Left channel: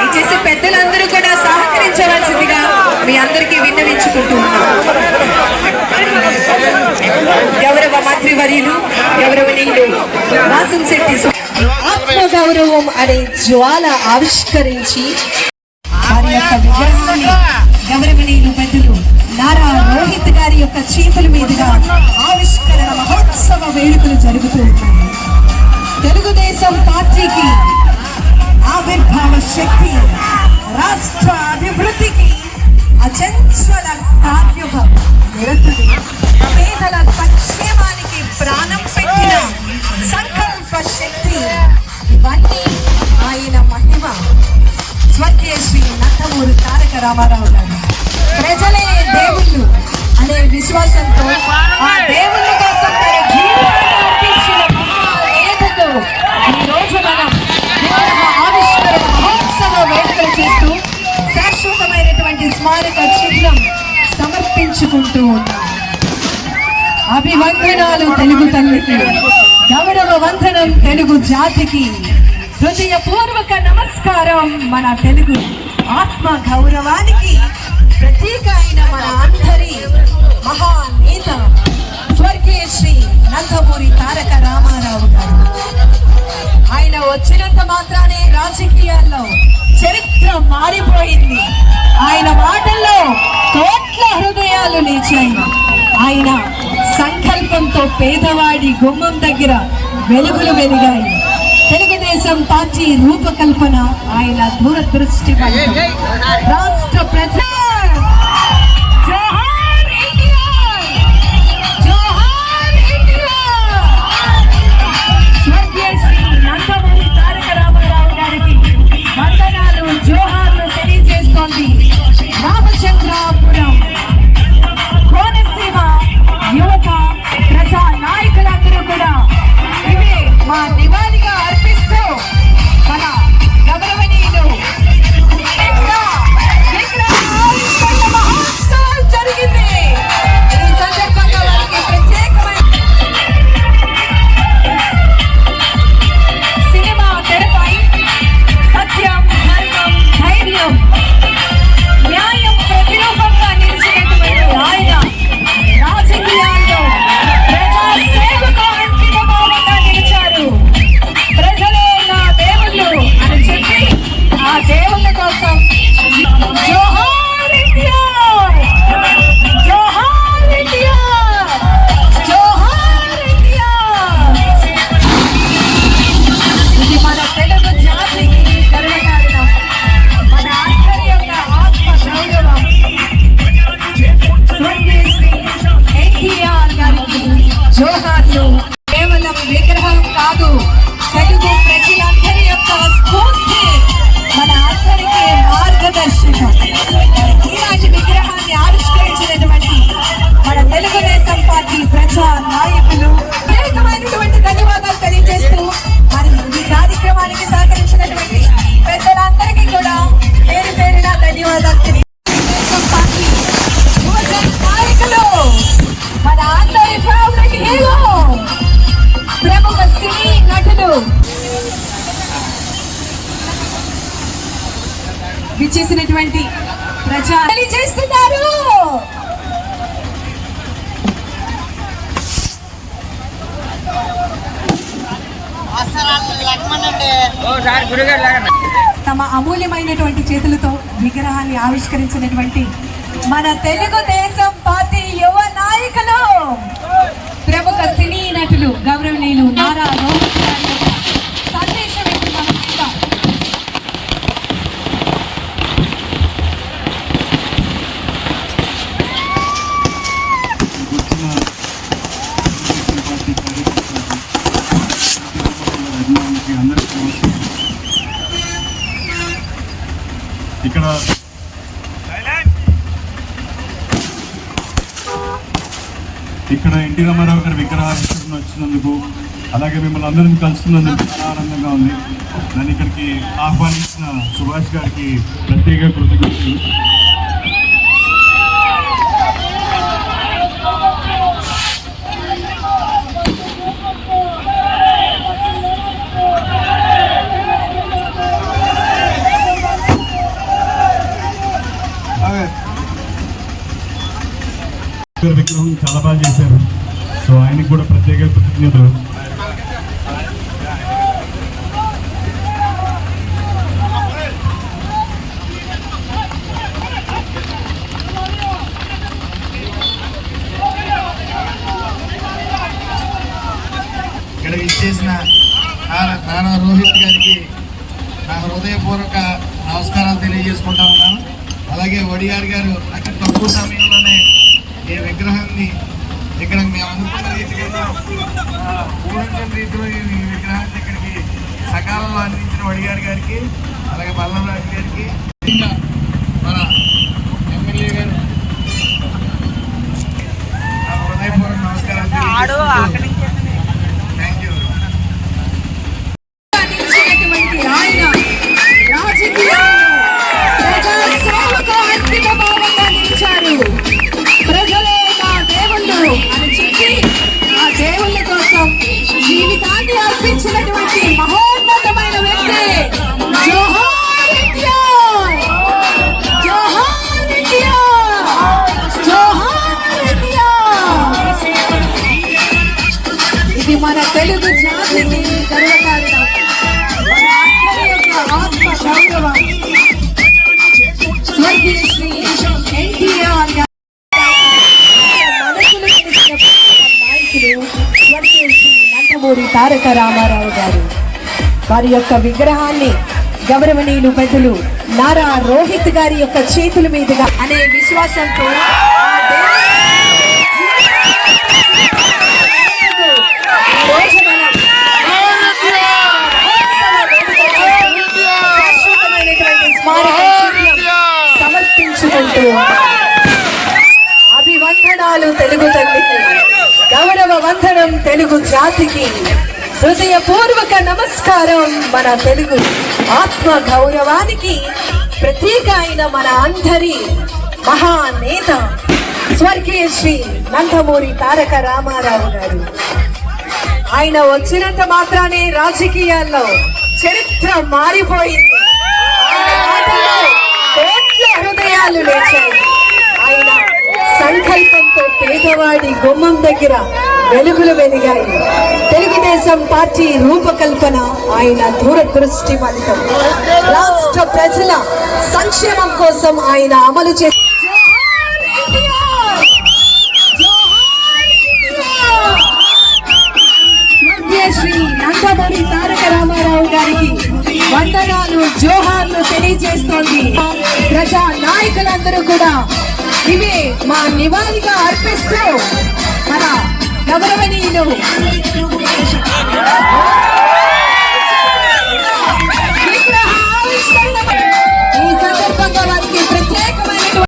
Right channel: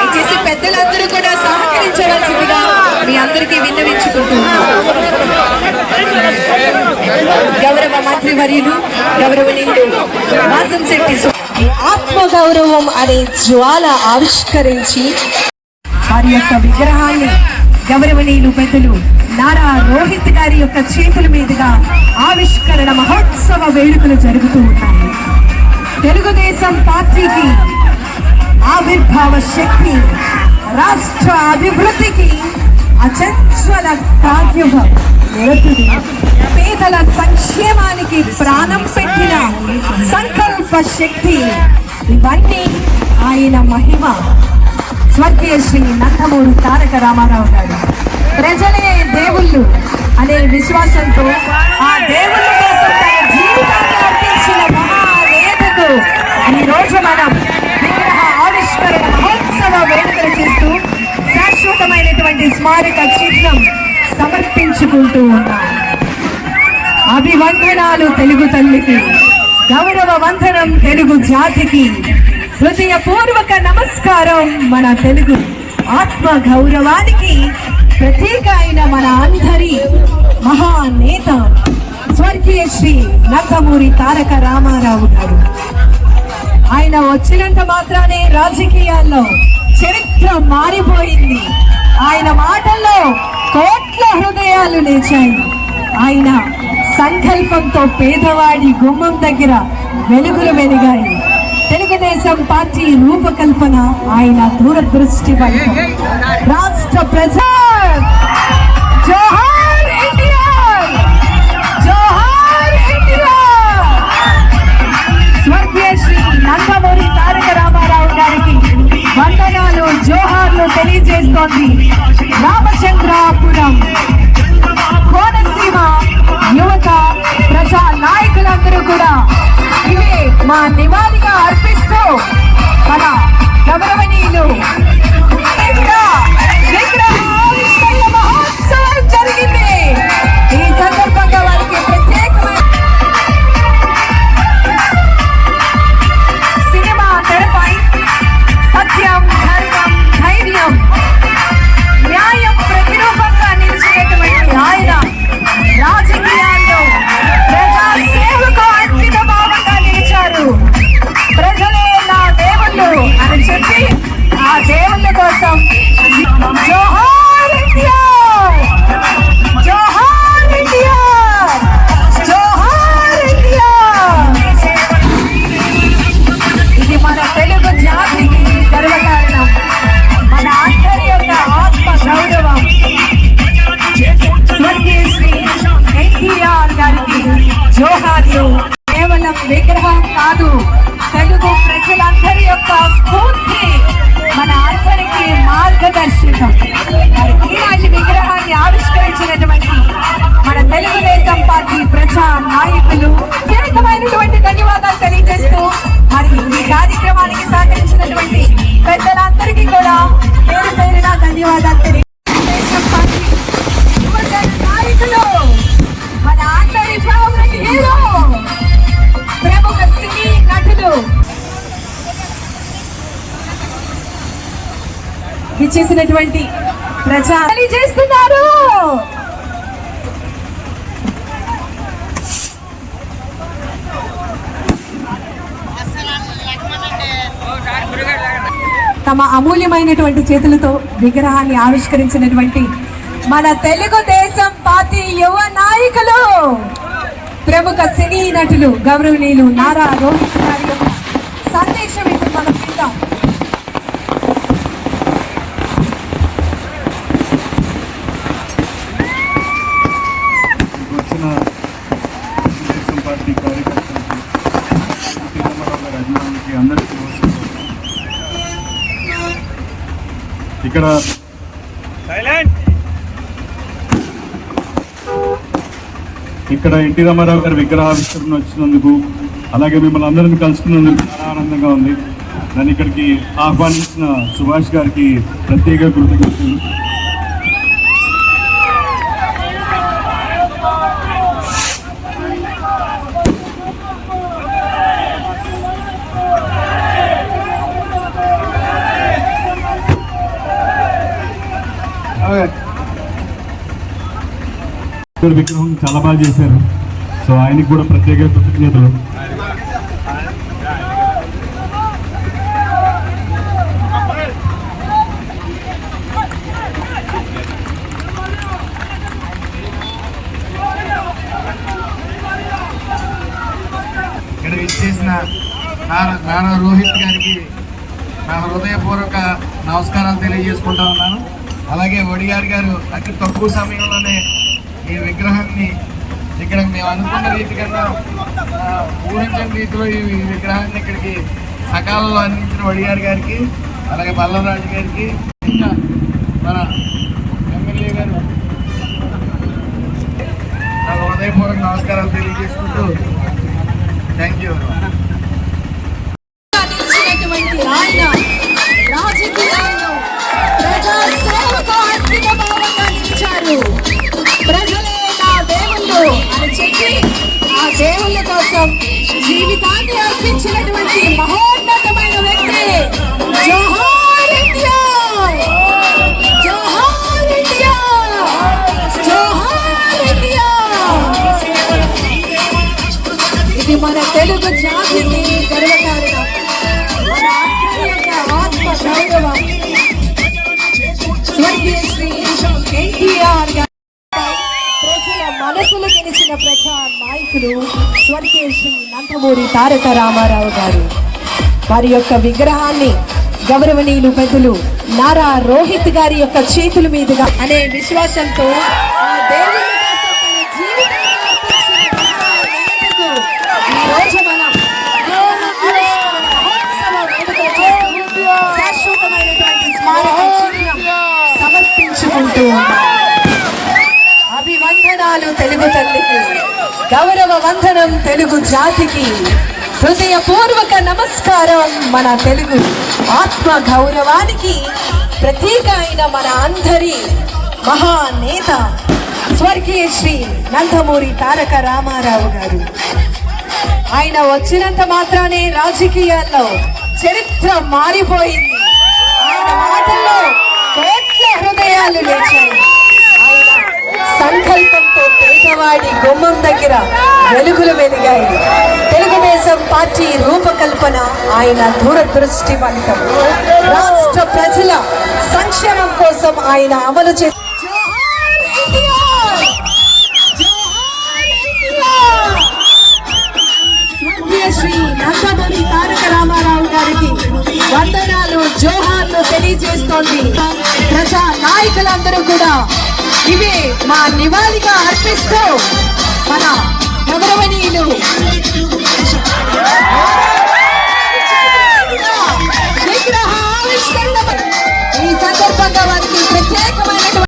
దయచేసి పెద్దలందరూ కూడా సహకరించవలసిందిగా మీ అందరికీ విన్నవించుకుంటున్నాను. గౌరవ మంత్రి వర్యులు గౌరవనీయులు వాసంశెట్టి ఆత్మగౌరవం అనే జ్వాల ఆవిష్కరించి వారి యొక్క విగ్రహాన్ని గౌరవనీయులు పెద్దలు నారా రోహిత్ గారి యొక్క చేతుల మీదుగా ఆవిష్కరణ మహోత్సవ వేడుకలు జరుగుతూ ఉన్నాయి. తెలుగుదేశం పార్టీకి ఆవిర్భావ శక్తి, రాష్ట్ర అభివృద్ధికి అచంచల కార్యభం, పేదల సంక్షేమానికి ప్రాణం పెట్టిన సంకల్ప శక్తి, ఇవన్నీ ఆయన మహిమ. స్వర్గీయ శ్రీ నందమూరి తారక రామారావు గారు ప్రజలే దేవుళ్ళు అనే విశ్వాసంతో ఆ దేవుళ్ళ కోసం జీవితాన్ని అర్పించిన మహావేదకు ఈ రోజు మనం విగ్రహ ఆవిష్కరణ మహోత్సవ వేడుకలు చేస్తూ శాశ్వతమైనటువంటి స్మారక చిహ్నం సమర్పించుకుంటూ ఉన్నాం. అభివందనాలు తెలుగు తల్లికి, గౌరవ వందనం తెలుగు జాతికి, హృదయపూర్వక నమస్కారం మన తెలుగు ఆత్మ గౌరవానికి ప్రతీక అయిన మన అందరి మహానేత స్వర్గీయ శ్రీ నందమూరి తారక రామారావు గారు. ఆయన వచ్చినంత మాత్రానే రాజకీయాల్లో చరిత్ర మారిపోయింది. ఆయన మాటల్లో కోట్ల హృదయాలు లేచాయి. ఆయన సంకల్పంతో పేదవాడి గుమ్మం దగ్గర వెలుగులు వెలిగాయి. తెలుగుదేశం పార్టీ రూపకల్పన ఆయన దూరదృష్టి వల్ల రాష్ట్ర ప్రజా జోహార్ ఇండియా, జోహార్ ఇండియా. స్వర్గీయ శ్రీ నందమూరి తారక రామారావు గారికి వందనాలు, జోహార్లు తెలియజేస్తోంది రామచంద్రాపురం కోనసీమ యువత ప్రజా నాయకులందరూ కూడా. ఇవే మా నివాళిగా అర్పిస్తూ మన గౌరవనీయులు జరిగింది. ఈ సందర్భంగా వారికి ప్రత్యేకమైన సినిమా తెరపై సత్యం, ధర్మం, ధైర్యం, న్యాయం ప్రతిరూపంగా నిలిచినటువంటి ఆయన రాజకీయాల్లో ప్రజా సేవకు అంకితభావంగా నిలిచారు. ప్రజలే నా దేవుళ్ళు అని చెప్పి ఆ దేవుళ్ళ కోసం జోహార్ ఇండియా, జోహార్ ఇండియా, జోహార్ ఇండియా. ఇది మన తెలుగు జాతికి గర్వకారణం, మన అందరి యొక్క ఆత్మ గౌరవం. స్వర్గీయ శ్రీ ఎన్టీఆర్ గారికి జోహార్లు. కేవలం విగ్రహం కాదు, తెలుగు ప్రజలందరి యొక్క స్ఫూర్తి, మన అందరికీ మార్గదర్శకం. ఈనాటి విగ్రహాన్ని ఆవిష్కరించినటువంటి మన తెలుగుదేశం పార్టీ ప్రజా నాయకులు ప్రత్యేకమైనటువంటి ధన్యవాదాలు తెలియజేస్తూ, మరి ఈ కార్యక్రమానికి సహకరించినటువంటి పెద్దలందరికీ కూడా పేరు పేరుగా ధన్యవాదాలు తెలుగుదేశం పార్టీ యువజన నాయకులు, మన అందరి ఫేవరెట్ హీరో, ప్రముఖ సినీ నటులు విచ్చేసినటువంటి ప్రజా తెలియజేస్తున్నారు. తమ అమూల్యమైనటువంటి చేతులతో విగ్రహాన్ని ఆవిష్కరించినటువంటి మన తెలుగుదేశం పార్టీ యువ నాయకులు, ప్రముఖ సినీ నటులు గౌరవనీయులు నారా రోహిత్ గారి యొక్క సందేశం ఇప్పుడు మనం చూద్దాం. ఇక్కడ ఎన్టీ రామారావు గారి విగ్రహావిష్కరణ వచ్చినందుకు, అలాగే మిమ్మల్ని అందరినీ కలుసుకున్నందుకు చాలా ఆనందంగా ఉంది. నన్ను ఇక్కడికి ఆహ్వానించిన సుభాష్ గారికి ప్రత్యేక కృతజ్ఞతలు. విగ్రహం చాలా బాగా చేశారు. సో ఆయనకి కూడా ప్రత్యేక కృతజ్ఞతలు. ఇక్కడ ఇచ్చేసిన నారా రోహిత్ గారికి నా హృదయపూర్వక నమస్కారాలు తెలియజేసుకుంటా ఉన్నాను. అలాగే వడియార్ గారు అతి తక్కువ సమయంలోనే ఈ విగ్రహాన్ని ఇక్కడ మేము అనుకున్న రీతిగా ఊహించని రీతిలో ఈ విగ్రహాన్ని ఇక్కడికి సకాలంలో అందించిన వడియార్ గారికి, అలాగే పల్లవరాజు గారికి, ఇంకా మన ఎమ్మెల్యే గారు నా హృదయపూర్వక నమస్కారాలు తెలియజేసుకుంటూ థ్యాంక్ యూ. నిలిచినటువంటి ఆయన రాజకీయాల్లో ప్రజా సేవకు అంకితభావంగా నిలిచారు. ప్రజలే నా దేవుళ్ళు అని చెప్పి ఆ దేవుళ్ళ కోసం జీవితాన్ని అర్పించినటువంటి మహోన్నతమైన వ్యక్తి. జోహార్ ఇండియా, జోహార్ ఇండియా, జోహార్ ఇండియా. ఇది మన తెలుగు జాతికి గర్వకారణం. మన అందరి యొక్క ఆత్మ గౌరవం. స్వర్గీయ శ్రీ ఎన్టీఆర్ గారు మనసులు తెలిసిన ప్రజా నాయకులు స్వర్గీయ శ్రీ నందమూరి తారక రామారావు గారు వారి యొక్క విగ్రహాన్ని గౌరవనీయులు పెద్దలు నారా రోహిత్ గారి యొక్క చేతుల మీదుగా అనే విశ్వాసంతో ఆ దేవుని ఈ రోజు మనం శాశ్వతమైనటువంటి స్మారక చిహ్నం సమర్పించుకుంటూ అభివందనాలు తెలుగు తల్లికి, గౌరవ వందనం తెలుగు జాతికి, హృదయపూర్వక నమస్కారం మన తెలుగు ఆత్మ గౌరవానికి ప్రతీక అయిన మన అందరి మహానేత స్వర్గీయ శ్రీ నందమూరి తారక రామారావు గారు. ఆయన వచ్చినంత మాత్రానే రాజకీయాల్లో చరిత్ర మారిపోయింది. ఆయన మాటల్లో కోట్ల హృదయాలు లేచాయి. ఆయన సంకల్పంతో పేదవాడి గుమ్మం దగ్గర వెలుగులు వెలిగాయి. తెలుగుదేశం పార్టీ రూపకల్పన ఆయన దూరదృష్టివంతం. రాష్ట్ర ప్రజల సంక్షేమం కోసం ఆయన అమలు చేసి శ్రీ నందమూరి తారక రామారావు గారికి వందనాలు, జోహార్లు తెలియజేస్తోంది. ప్రజా నాయకులందరూ కూడా ఇవే మా నివాళిగా అర్పిస్తూ మన గౌరవనీయులు